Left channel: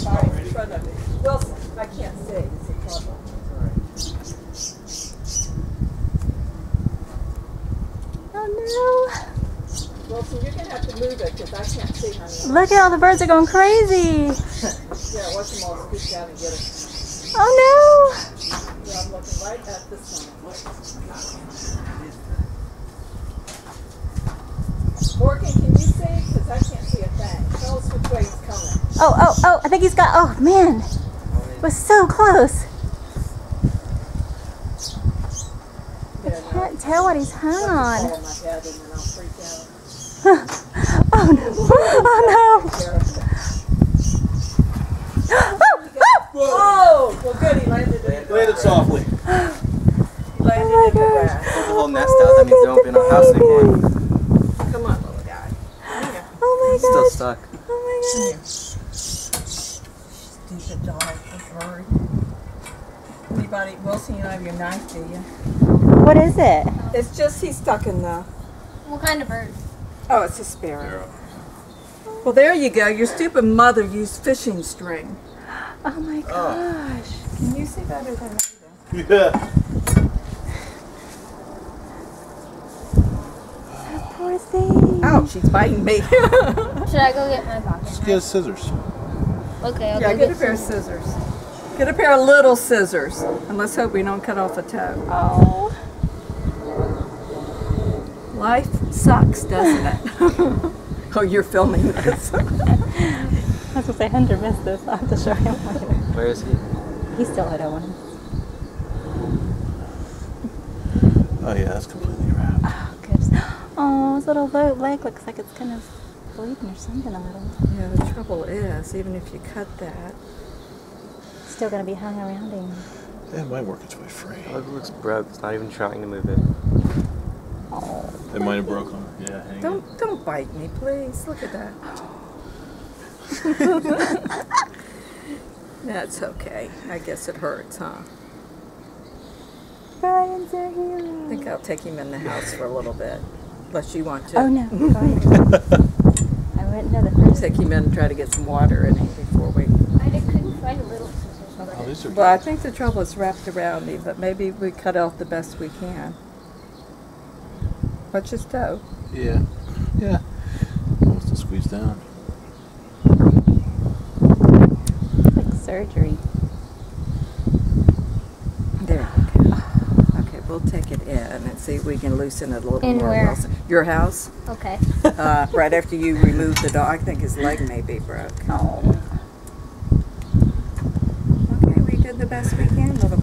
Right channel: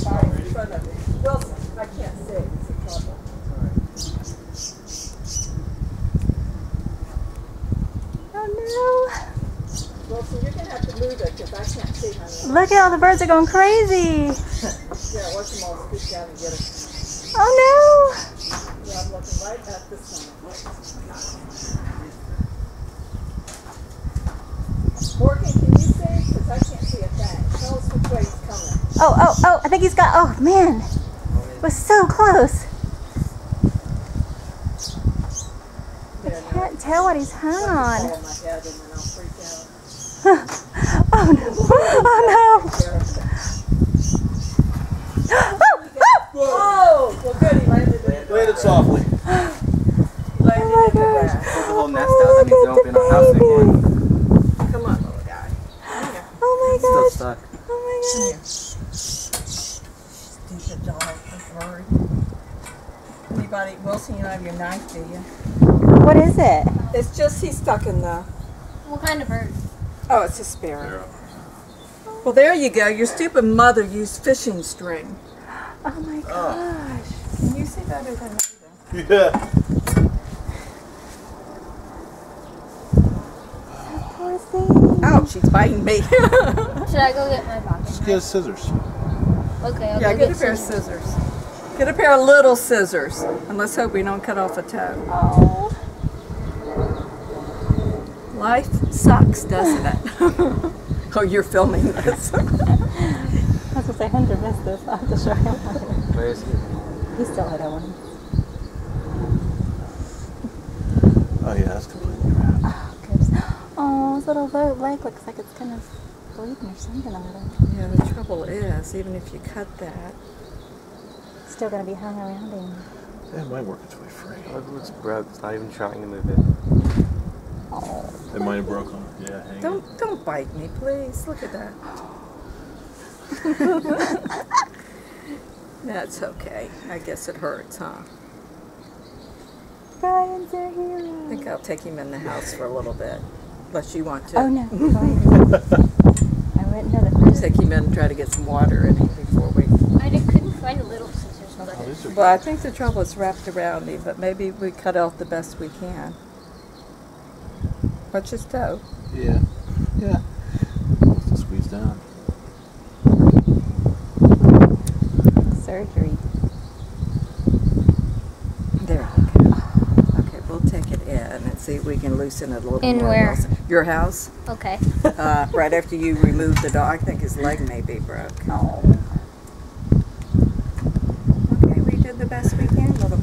there by in front of me. Wilson, I can't see. It's a trouble. Oh no. Wilson, you're going to have to move it because I can't see, honey. Look at all the birds are going crazy. Yeah, watch them all scoot down and get it. Oh Yeah, I'm looking right at this one. Morgan, can you see? Because I can't see a thing. Tell us which way he's coming. no. Oh, I think he's got, oh man. It was so close. I can't tell what he's hung on. I'll fall on my head and then I'll freak out. Oh no. Oh no. Oh, well good, he landed in the grass. Landed softly. Landed in the grass. Put the whole nest out, that means they won't be in our house anymore. Come on, little guy. Oh my Still gosh. stuck. Oh my gosh. Stupid dog, bird. Anybody, Wilson, you don't have your knife, do you? What is it? It's just he's stuck in the... What kind of bird? Oh, it's a sparrow. Well, there you go. Your stupid mother used fishing string. Oh my gosh. Can you see better than me? Yeah. Poor thing. Ouch, she's biting me. Should I go get my pocket Just knife? get scissors. Okay, I'll Yeah, go get a pair of scissors. Get a pair of little scissors. And let's hope we don't cut off a toe. Oh. Life sucks, doesn't it? Oh, you're filming this. I was going to say, Hunter missed this. I'll have to show him later. Where is he? He's still at Owen. Oh yeah, that's completely wrapped. Oh, goodness. Oh, his little leg looks like it's kind of bleeding or something a little. Yeah, the trouble is, even if you cut that, It's still going to be hung around him. It might work its way free. Oh, it looks broke. It's not even trying to move it. Oh. It might have broken. Yeah, hang on. don't bite me, please. Look at that. That's okay. I guess it hurts, huh? Brian's our hero. I think I'll take him in the house for a little bit, unless you want to. Oh no, go ahead. I wouldn't know the first. Take him in and try to get some water in him before we... I couldn't find a little scissors. Oh, these are Well, I think the trouble is wrapped around him, but maybe we cut off the best we can. Watch his toe. Yeah. Yeah. Wants to squeeze down. It's like surgery. There we go. Okay, we'll take it in and see if we can loosen it a little In more. where? Wilson. Your house? Okay. Right after you remove the dog. I think his leg may be broke. Oh. Okay, we did the best we can, little